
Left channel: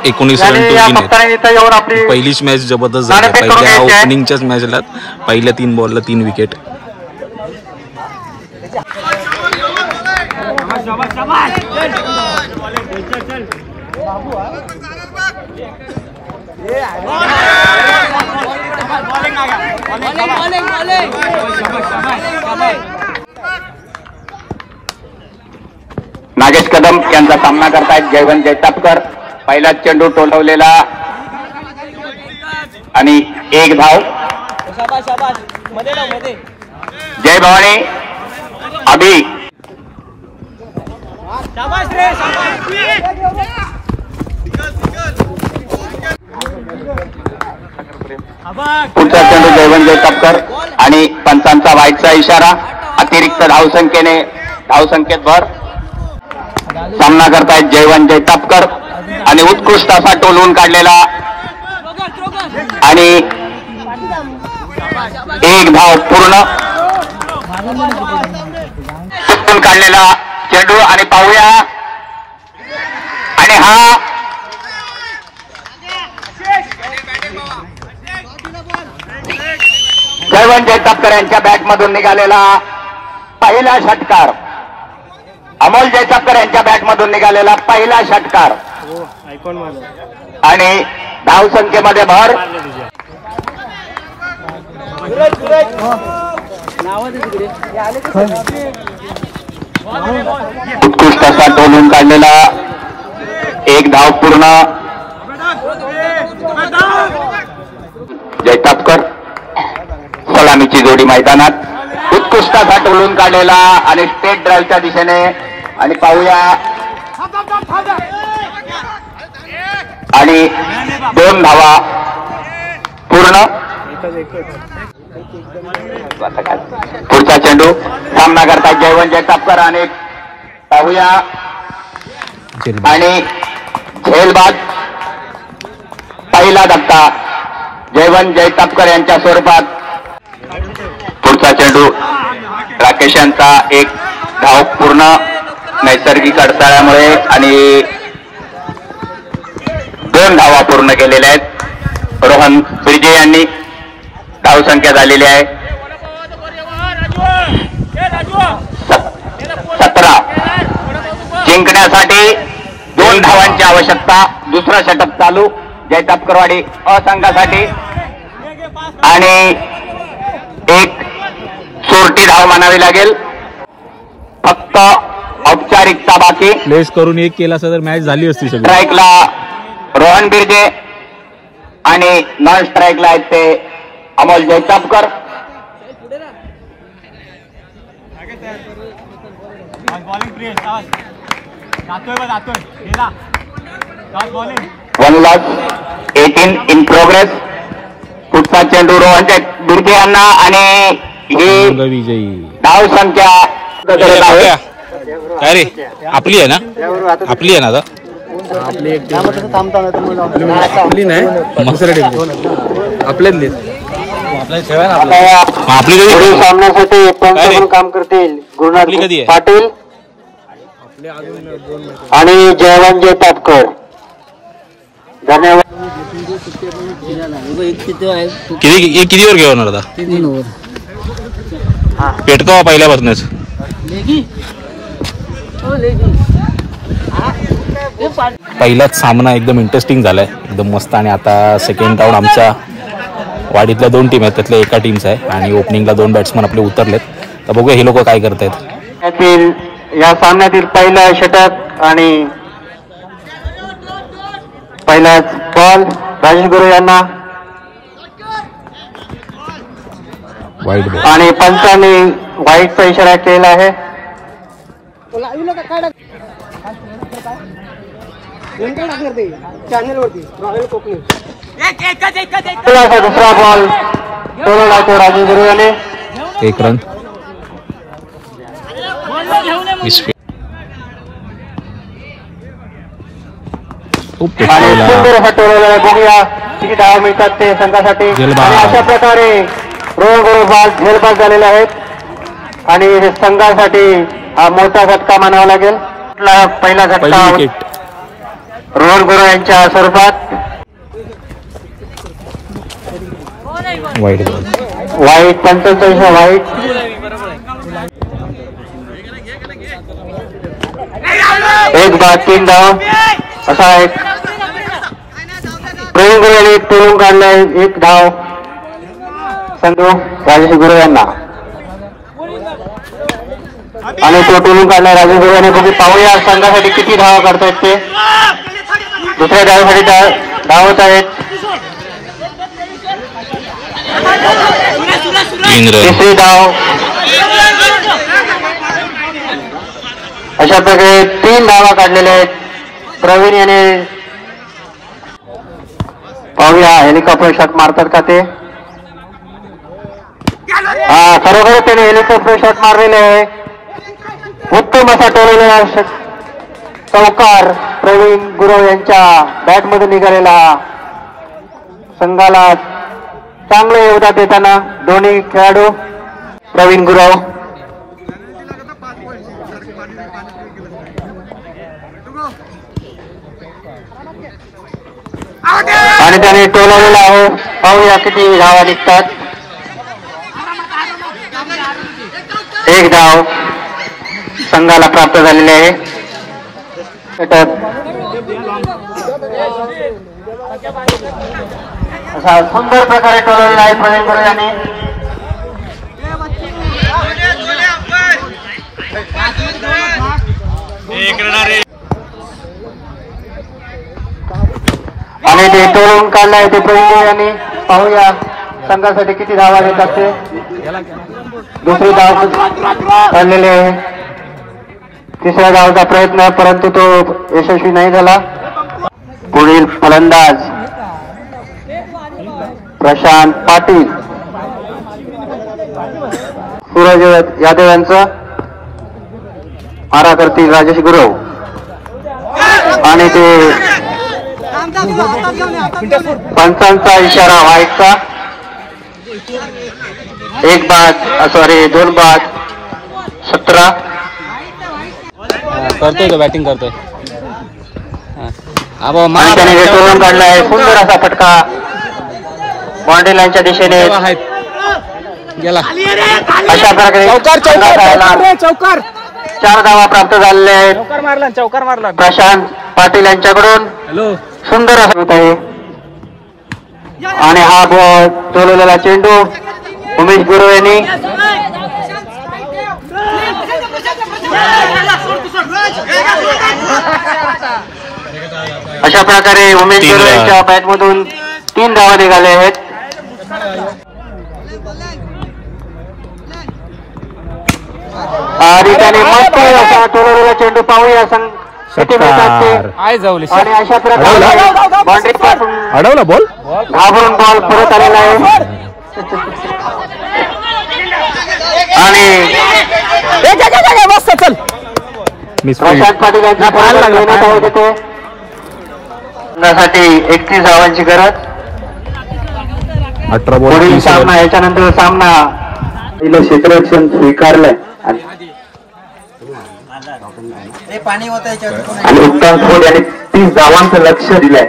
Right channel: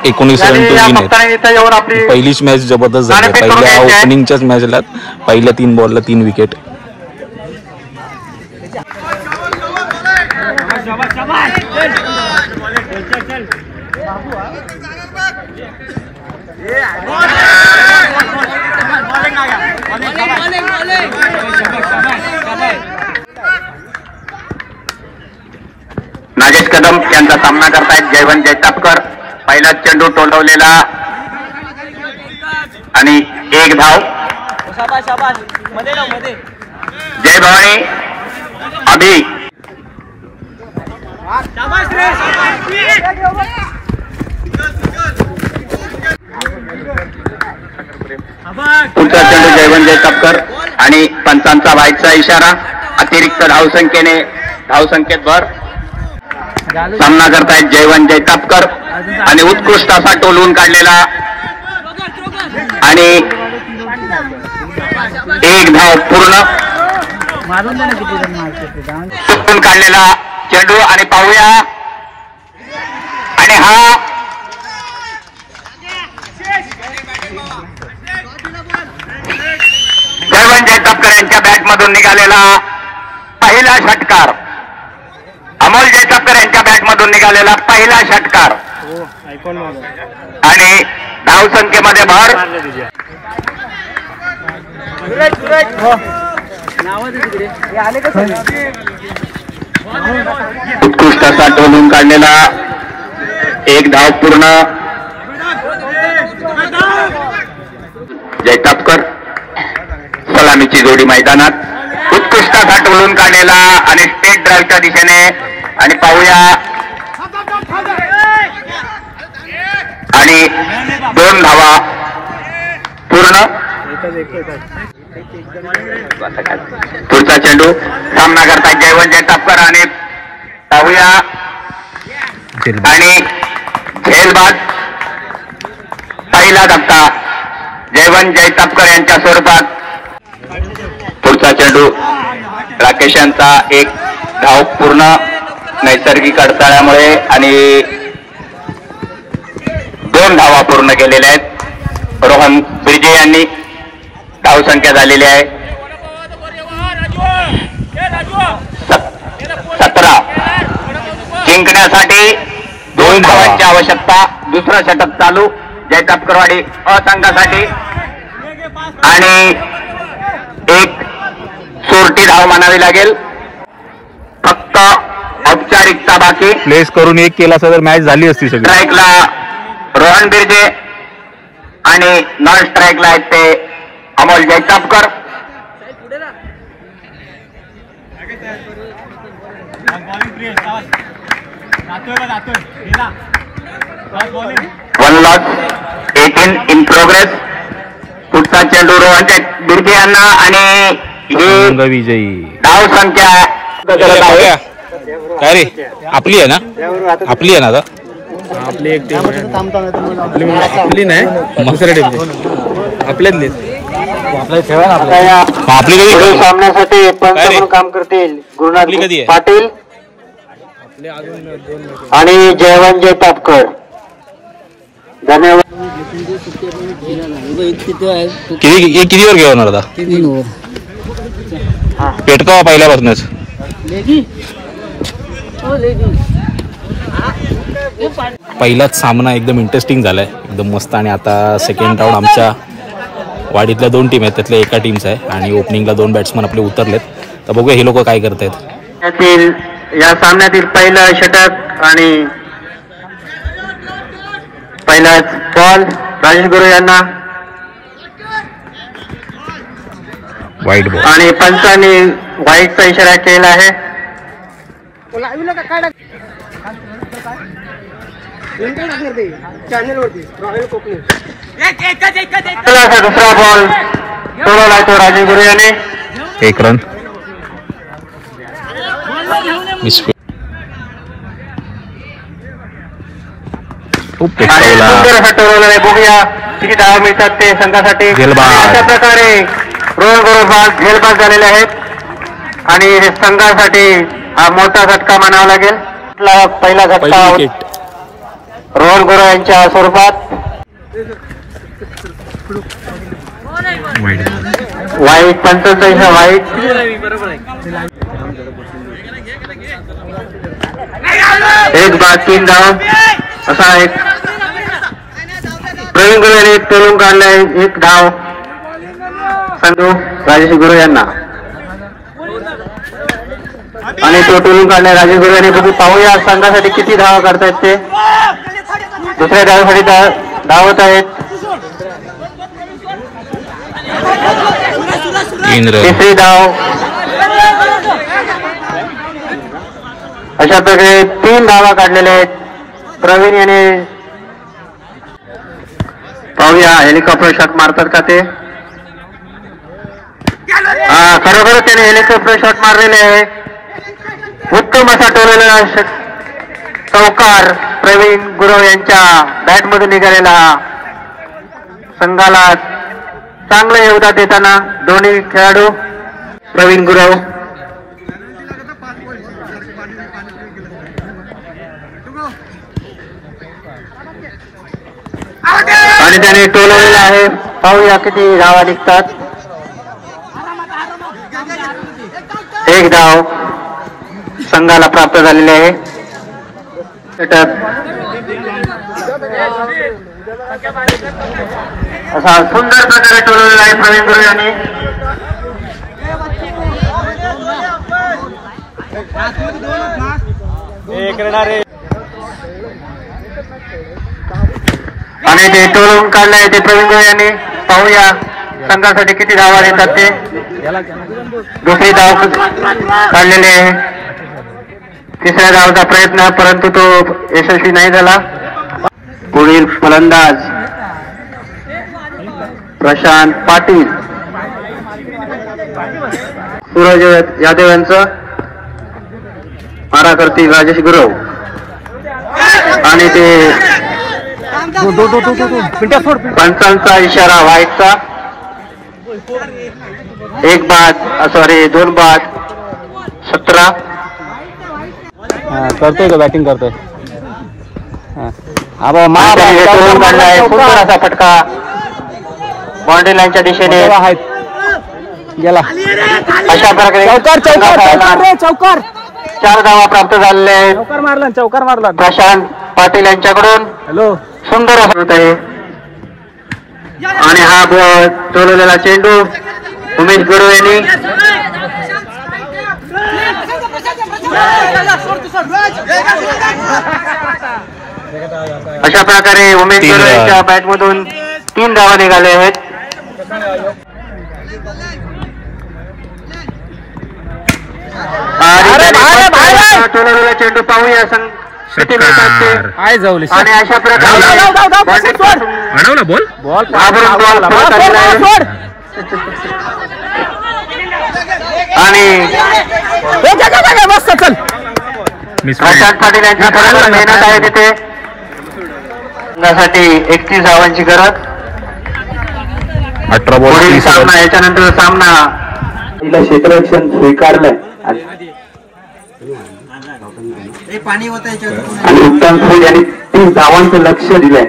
19 run to win आहेत. पहिलीच मॅच जबरदस्त झाली. पहिल्या ओपनिंगच्याच मॅचला पहिल्या 3 बॉलला 3 विकेट. नागेश कदम यांचा सामना करतायत जयवंत जैतापकर. पहिला चेंडू टोलवलेला आणि 1 धाव. जय भवानी अभि पुढचा चेंडू जयवंत जैतापकर आणि पंचांचा व्हाईटचा इशारा. अतिरिक्त धावसंख्येत भर. सामना करतायत जयवंत जैतापकर आणि उत्कृष्ट असा टोलवून काढलेला आणि 1 धाव पूर्ण टोलवून काढलेला चेंडू आणि पाहूया आणि हा जयवंत जैतापकर यांच्या बॅटमधून निघालेला पहिला षटकार. अमोल जैतापकर यांच्या बॅटमधून निघालेला पहिला षटकार आणि धावसंख्येमध्ये भर. उत्कृष्ट असा टोलून काढलेला 1 धाव पूर्ण. जैतापकर सलामीची जोडी मैदानात. उत्कृष्ट असा टोलून काढलेला आणि स्टेट ड्राईव्हच्या दिशेने आणि पाहूया आणि 2 धावा पूर्ण. पुढचा चेंडू सामना करतायत जयवंत जैतापकर आणि पाहूया आणि झेलबाद. पहिला धक्का जयवंत जैतापकर यांच्या स्वरूपात. पुढचा चेंडू राकेश यांचा 1 धाव पूर्ण नैसर्गिक अडथळ्यामुळे आणि 2 धावा पूर्ण केलेल्या आहेत. रोहन बिर्जे यांनी धावसंख्या झालेली आहे 17. जिंकण्यासाठी 2 धावांची आवश्यकता. दुसरं षटक चालू जैतापकरवाडी संघासाठी आणि 1 सोरटी धाव म्हणावी लागेल. फक्त औपचारिकता बाकी. प्लेस करून 1 केला असता तर मॅच झाली असती सगळी. स्ट्राईकला रोहन बिर्जे आणि नॉन स्ट्राईकला आहेत ते Amol Jaitapkar. One loss 18 in progress. पुढचा चेंडू रोहन बिर्जे यांना आणि ही विजयी धाव संख्या काय रे आपली आहे ना. आपली आहे ना आता. आपली एक टीम आपली नाही दुसऱ्या टीम आपल्यातली. आपली कधी सामन्यासाठी पंच काम करतील गुरुनाथ पाटील आणि जयवंत जैतापकर. किती वर घेऊन आता पेटकावा पहिल्यापासूनच. पहिलाच सामना एकदम इंटरेस्टिंग झालाय एकदम मस्त. आणि आता सेकंड राऊंड आमच्या वाडीतल्या 2 टीम आहेत, त्यातल्या एका टीमचा आहे आणि ओपनिंगला 2 बॅट्समन आपले उतरलेत. तर बघूया हे लोक काय करतायत. या सामन्यातील पहिलं षटक आणि पहिलाच बॉल राजेश गुरु यांना वाईट बॉल आणि पंचांनी व्हाईटचा इशारा केला आहे. दुसरा बॉल सोडवला तो राजेश गुरु याने. 1 रन. खूप टोलवला. बघूया किती धावा मिळतात ते संघासाठी. अशा प्रकारे रोहन बरोबर झेलबाद झालेले आहेत आणि संघासाठी हा मोठा झटका मानावा लागेल. पहिला झटका रोहन गुरु यांच्या स्वरूपात. वाईट 45 वाईट. एक बाद 3 धाव असा एक प्रवीण गुरु यांनी टोलून काढलाय. 1 धाव संघ राजेश गुरु यांना आणि तो टोलून काढलाय राजेश गुरु यांनी. बघू पाहूया संघासाठी किती धावा करतायत ते. दुसऱ्या धावासाठी धावत आहेत. 3 रन. तिसरी धाव. अशा प्रकारे 3 धावा काढलेल्या आहेत प्रवीण याने. पाहूया हेलिकॉप्टर शॉट मारतात का ते. हा खरोखर त्याने हेलिकॉप्टर शॉट मारलेले आहे. उत्तम असा टोललेला चौकार प्रवीण गुरु यांच्या बॅट मधून निघालेला. संघाला चांगलं योगदान देताना दोन्ही खेळाडू प्रवीण गुरु आणि त्याने टोलवलेला आहे. पाहूया किती धावा निघतात. 1 धाव संघाला प्राप्त झालेले आहे. असा सुंदर प्रकारे टोलवलेला आहे प्रवीण गुरु यांनी. आणि ते टोलून काढलाय ते प्रवीण गुरु यांनी. पाहूया संघासाठी किती धावा देतात ते. दुसरी धाव काढलेली आहे. तिसऱ्या धावचा प्रयत्न परंतु तो यशस्वी नाही झाला. पुढील फलंदाज प्रशांत पाटील. सूरज यादव यांचा मारा करतील राजेश गुरु आणि ते पंचांचा इशारा व्हाईटचा. 1 बाद सॉरी 2 बाद 17. करतोय का बॅटिंग करतोय. सुंदर असा फटका बाउंड्री लाईनच्या दिशेने गेला. अशा प्रकारे चौकार 4 धावा प्राप्त झालेले आहेत. चौकार मारला प्रशांत पाटील यांच्याकडून. सुंदर असं होत आहे आणि हा बॉल टोलवलेला चेंडू उमेश गुरु यांनी. अशा प्रकारे उमेश गुरु यांच्या बॅट मधून 3 धावा निघाले आहेत. आणि त्याने मस्त असा टोलवलेला चेंडू पाहूया आणि अशा प्रकारे बाउंड्री पासून अडवला बॉल. घाबरून बॉल परत आलेला आहे आणि मस्त चल. प्रशांत पाटील यांची मेहनत आहे तिथे. त्यासाठी 31 धावांची गरज. 18 बॉल. सामना याच्यानंतर सामना क्षेत्ररक्षण स्वीकारलंय आणि उत्तम खोड यांनी 30 धावांचं लक्ष दिलंय.